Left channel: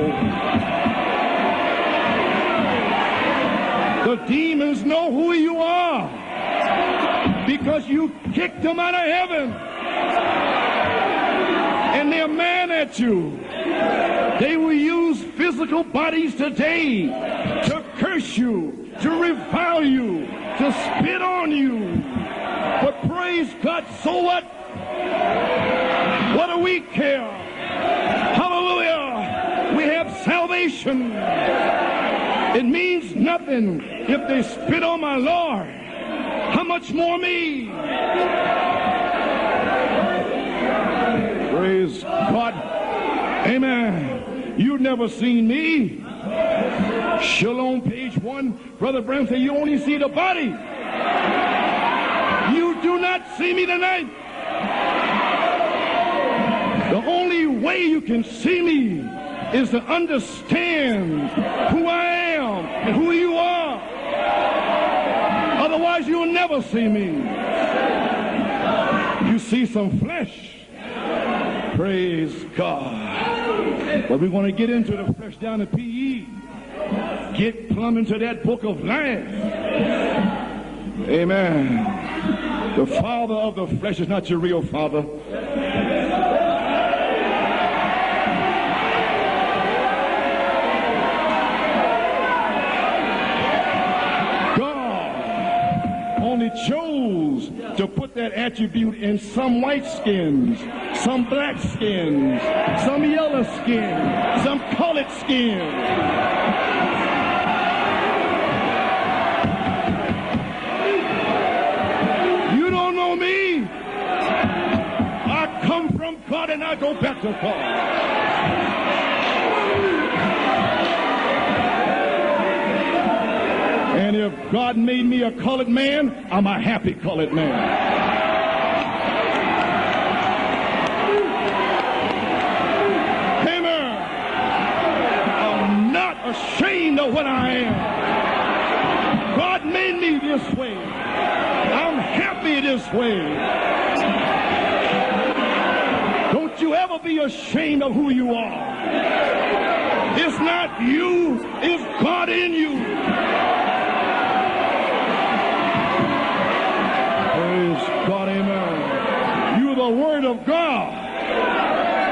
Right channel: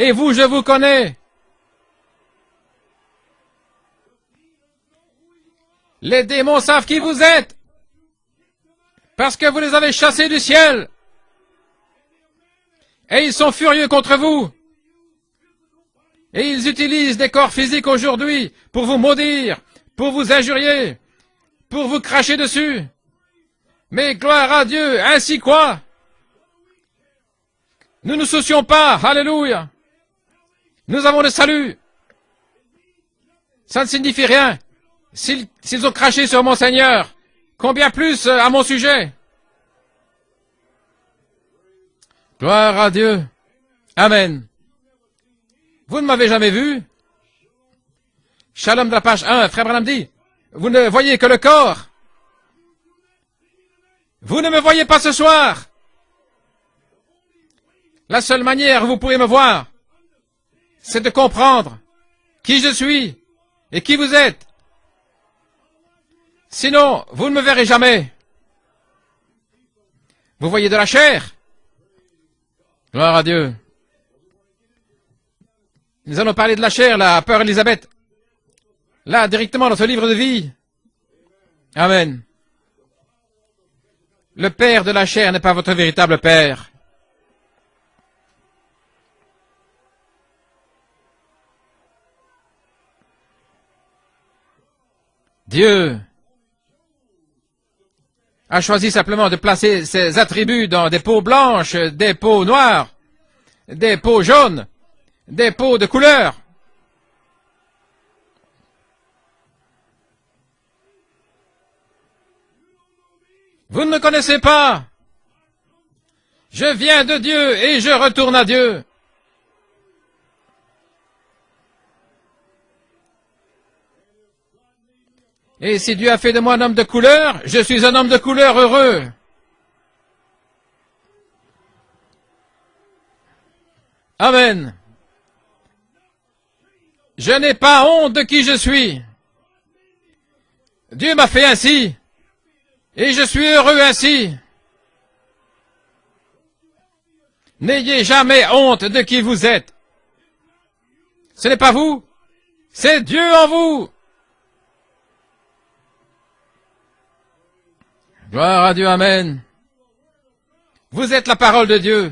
Et vous, je vous connais. The demons know who you are. Les démons savent qui vous êtes. Because you kicked them out of heaven. Parce que vous les avez chassés du ciel. And they're mad at you. Et ils sont furieux contre vous. They will use physical bodies Et ils today utilisent des corps physiques aujourd'hui pour vous maudire, pour vous injurier, spit on you. pour vous cracher dessus. But praise God, Mais so gloire à Dieu, ainsi quoi? what do we care? Nous ne nous soucions pas. Alléluia. We have salvation. Nous avons le salut. It means nothing. Ça ne signifie If they rien. spit on my S'ils Lord, s'ils ont craché sur mon how much Seigneur, more me? combien plus à mon sujet? Praise God. Gloire à Dieu. Amen. Amen. You've never seen me. Vous ne m'avez jamais vu. Shalom, page 1. Shalom de la page 1, Frère Branham dit, You only see the body. vous ne voyez que le corps. You do not see me tonight. Vous ne me voyez pas ce soir. The only way you can La seule see manière où vous pouvez me voir, is to understand c'est de comprendre who I am, qui je suis who you are. et qui vous êtes. Otherwise, you'll never Sinon, see me. vous ne me verrez jamais. You see some flesh. Vous voyez de la chair. Praise God. Gloire à Dieu. But we're going to get into the flesh down at PE. Nous allons parler de la chair, là, à Peur Élisabeth. Come into that book of life. Là, directement dans ce livre de vie. Amen. Amen. The father of the flesh is not your Le real père de father. la chair n'est pas votre véritable père. God Dieu only chose to put that a choisi attribute simplement in de some placer white ses skin, attributs dans des peaux some blanches, black skin, des peaux noires, some yellow skin, des peaux jaunes, some colored skin. des peaux de couleur. You don't know me. Vous ne me connaissez pas. I come from God and Je I go viens back de to Dieu God. et je retourne à Dieu. And if God made me a colored Et si man, Dieu a fait de I'm moi a un homme de happy couleur, colored man. je suis un homme de couleur heureux. Amen. Amen. I'm not ashamed of what Je I n'ai am. pas honte de qui je suis. God made me this way. Dieu m'a fait ainsi I'm happy this way. et je suis heureux ainsi. Don't you ever be ashamed N'ayez of jamais honte de qui vous êtes. who- It's not you. Ce n'est pas vous, It's God in you. c'est Dieu en vous. Praise God. Amen. Gloire à Dieu, Amen. You're the word of God. Vous êtes la parole de Dieu.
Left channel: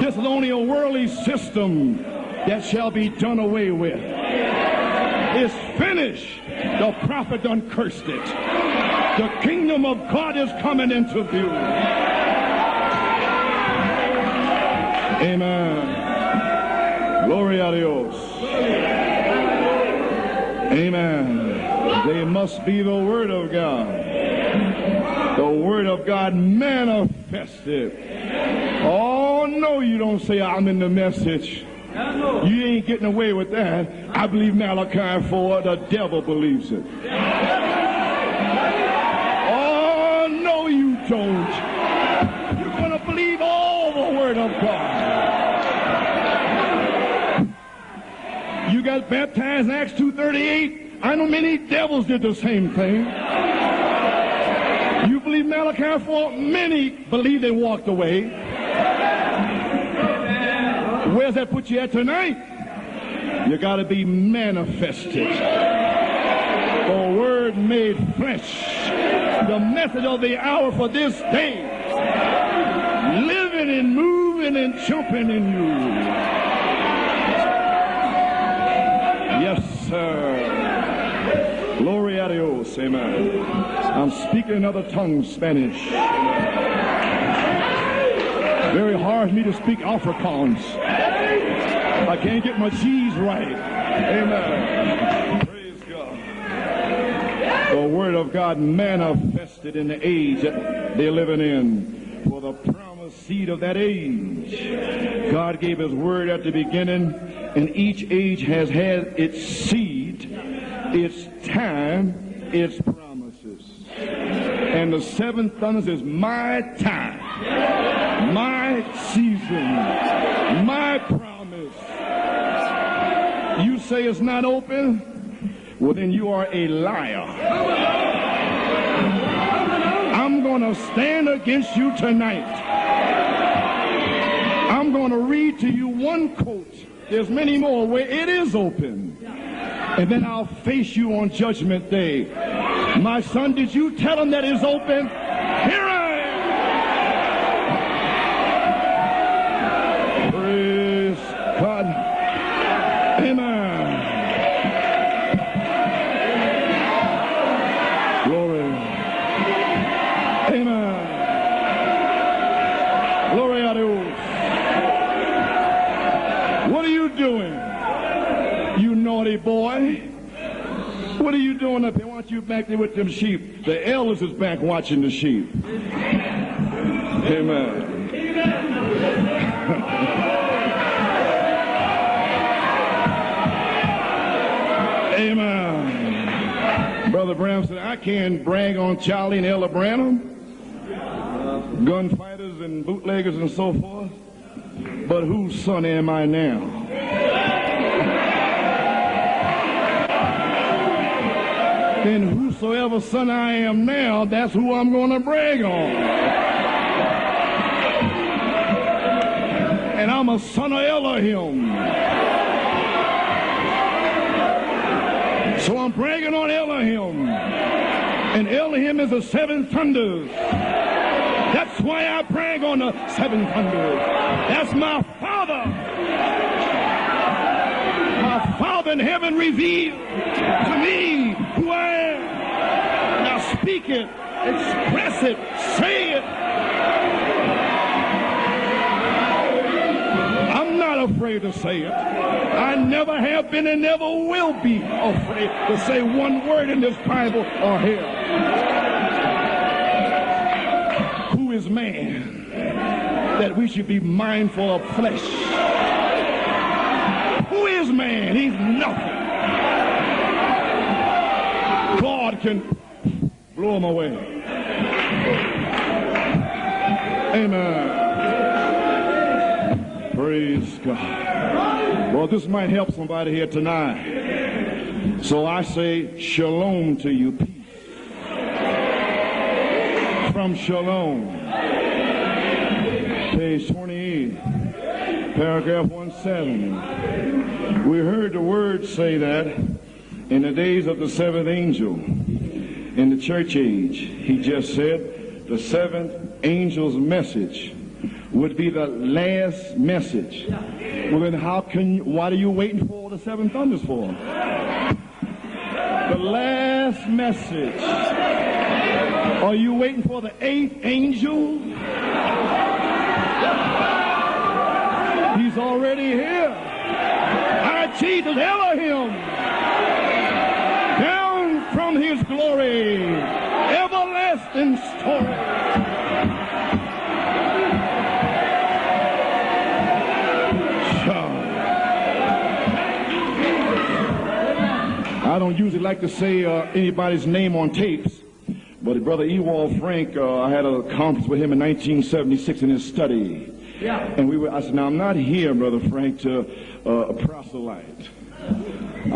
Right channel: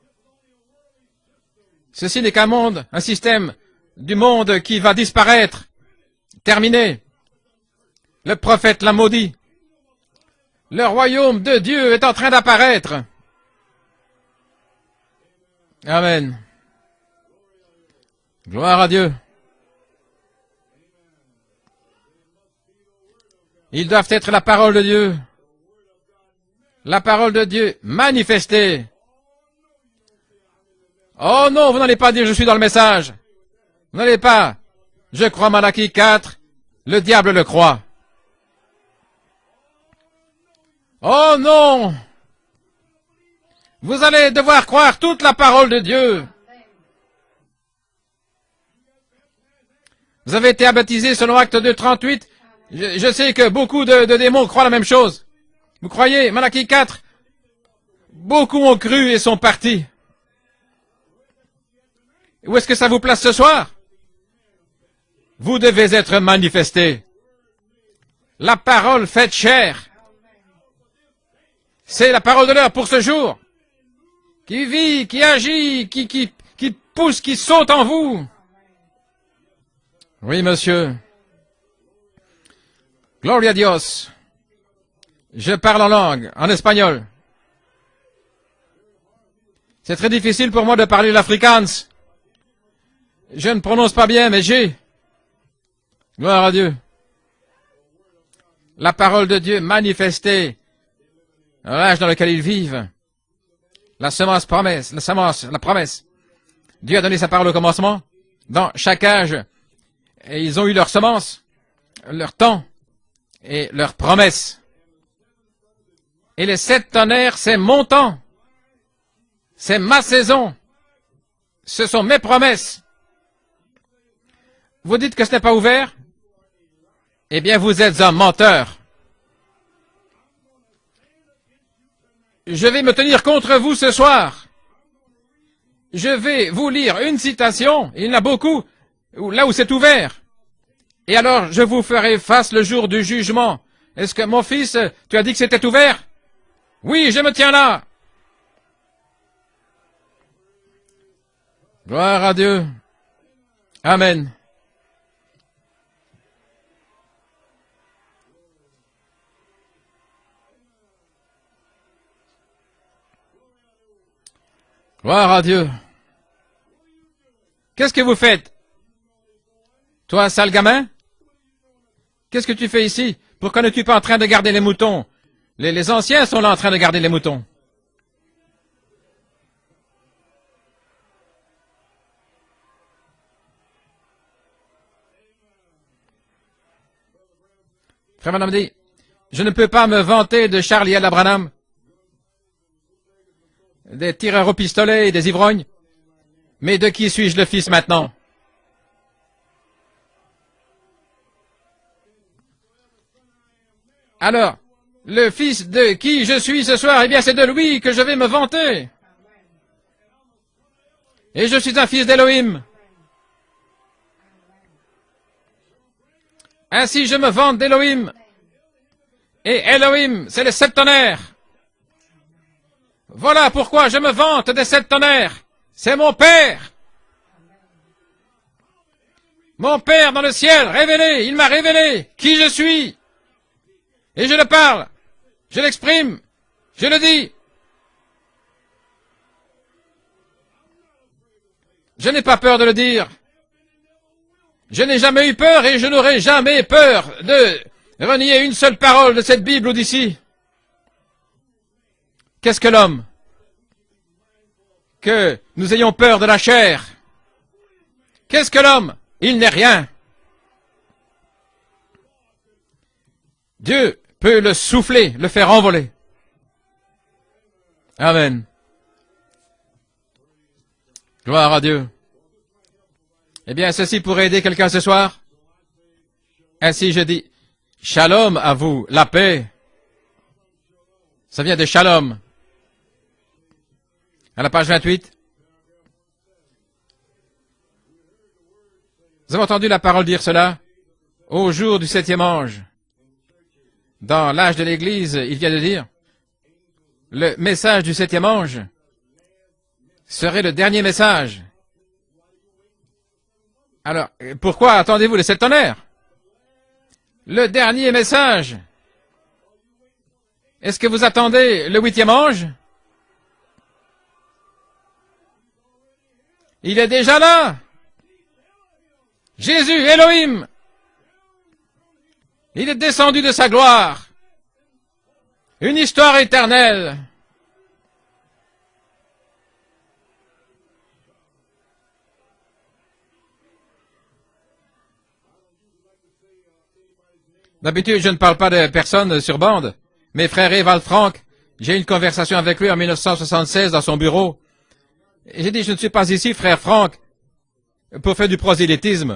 This is only a worldly system. Ceci n'est qu'un that monde, shall un be système done away with. du monde qui va disparaître. Finished. Terminé. The prophet done cursed it. Le prophète l'a maudit. Kingdom of God is coming Le into royaume de view. Dieu est en train d'apparaître. Amen. Amen. Glory a Dios. Gloire à Dieu. Amen. They must be the word of God. Ils doivent être la parole de Dieu. The word of God La parole de Dieu manifestée. Oh no, you don't say I'm in the message. Oh non, vous n'allez pas dire je suis dans le message. Vous N'allez pas. Je crois Malachie 4. Le diable le croit. Oh no, you Oh don't. non, You're gonna believe all vous the allez word devoir of God. croire toute la parole de Dieu. You got baptized in Acts 2:38. Vous avez été baptisé selon Acte 2:38. Je sais que beaucoup de démons croient la même chose. You believe Malachi Vous croyez 4? Malachie Many 4? believe they walked away. Beaucoup ont cru et sont partis. Where's that put you at tonight? Où est-ce que ça vous place ce You soir? gotta be manifested. Vous devez être manifesté. The word made flesh. La parole faite The chair. message of the hour for this day. C'est la parole de l'heure pour ce jour. Living and moving Qui and vit, jumping qui in agit, you. qui pousse, qui saute en vous. Yes, sir. Oui, monsieur. Glory a Dios. Amen. Gloria a Dios. I'm speaking in other tongues. Je Spanish. parle en langue, en espagnol. Very hard for me to speak C'est très Afrikaans. difficile pour moi de parler l'afrikaans. I can't get my G's right. Je ne prononce pas bien, mais j'ai. Praise God. Gloire à Dieu. The word of God La parole de Dieu manifested in the manifestée age they're living in. dans l'âge dans lequel ils vivent. Seed of that age. La semence promesse, la semence, God la gave promesse. his word at the beginning. Dieu a donné sa parole au commencement. Each age has Dans had chaque âge, its seed, et ils ont eu leur semence, time, leur temps. its promise. et leur promesse. And the seven thunders is my Et les 7 time, tonnerres, c'est mon temps, my season, c'est ma saison, my promise. ce sont mes promesses. You say it's not open? Vous dites que ce n'est pas ouvert? Well, then you are a liar. Eh bien, vous êtes un menteur. I'm going to stand against you tonight. Je vais me tenir contre vous ce soir. I'm I'm going to read to you Je one vais quote. vous lire une There's many citation, more where il y en a it is beaucoup, open. là où c'est ouvert. Then I'll face you Et on alors, je vous Judgment ferai Day. face le jour du My jugement. son, did you Est-ce que tell him mon that it's fils, open? tu as dit que c'était ouvert? Oui, je me tiens là. Praise God. Gloire à Dieu. Amen. Amen. Glory. Amen. Glory à Dieu. Gloire à Dieu. What are you doing, Qu'est-ce que vous faites? you naughty boy? Toi, sale gamin? What are you doing up here? Why don't you Qu'est-ce que back tu fais with the ici? sheep? Pourquoi n'es-tu The pas en train de elders garder les back moutons? watching the sheep. Les anciens sont là en train de garder les moutons. Amen. Amen. Brother Branham said, I can't Frère Branham brag dit, on Charlie je ne L. peux pas me Branham, vanter de Charlie L. Branham, gunfighters and bootleggers and so forth. des tireurs au pistolet et des But ivrognes. whose son am I now? Mais de qui suis-je le fils maintenant? Then whosoever son I am now, Alors, that's who I'm going to le brag fils on. de qui je suis ce soir, eh bien c'est de lui que je vais me vanter. And I'm a son of Elohim. Et je suis un fils d'Élohim. So I'm bragging on Elohim. Ainsi je me vante d'Élohim. And Elohim is a seven Et Elohim, thunder. c'est les septonnaires. That's why I brag on the seven Voilà pourquoi thunder. je me vante des That's my septonnaires. father. C'est mon Père. My father in heaven revealed. Mon Père dans le ciel, révélé. Il m'a révélé qui je suis. Now speak it. Et je le parle. Express it. Je l'exprime. Say it. Je le dis. I'm not afraid to say it. Je n'ai pas peur de le I dire. never have been and never will be. Je n'ai jamais eu peur et je n'aurai jamais peur de renier une seule parole de cette Bible ou d'ici. Who is man Qu'est-ce que l'homme? that we should be mindful of Que flesh? nous ayons peur de la chair. Who is man? Qu'est-ce que l'homme? Il n'est rien. God can blow Dieu him away. peut le souffler, le faire envoler. Amen. Amen. Praise God. Gloire à Dieu. Well, this might help somebody here Eh bien, tonight. ceci pourrait aider quelqu'un ce soir. So I say shalom Ainsi je to dis, you. shalom à vous, la paix. From shalom, Ça vient de shalom. page 28, À la page 28, paragraph 17. We heard the word say nous avons that entendu la parole dire cela in the days of the seventh au jour du angel, septième ange. in the church age. Dans He l'âge de just l'Église, said, il vient de the dire, seventh angel's le message message du septième would ange be the last message. serait le dernier message. Then how can you, what are you waiting for the seven thunders for? Alors, pourquoi attendez-vous les sept tonnerres? The last message. Le dernier message. Are you waiting for the eighth Est-ce que vous angel? attendez le huitième ange? He's already here. Il est déjà là. Our Jesus Elohim, Jésus, Elohim, down from his glory. il est descendu de sa gloire. Everlasting story. Une histoire éternelle. I don't usually like to say anybody's name on D'habitude, je ne parle pas de personne sur bande. Mais frère Evald Frank, j'ai eu une conversation avec lui en 1976 dans son bureau. J'ai dit, je ne suis pas ici, frère Frank, pour faire du prosélytisme.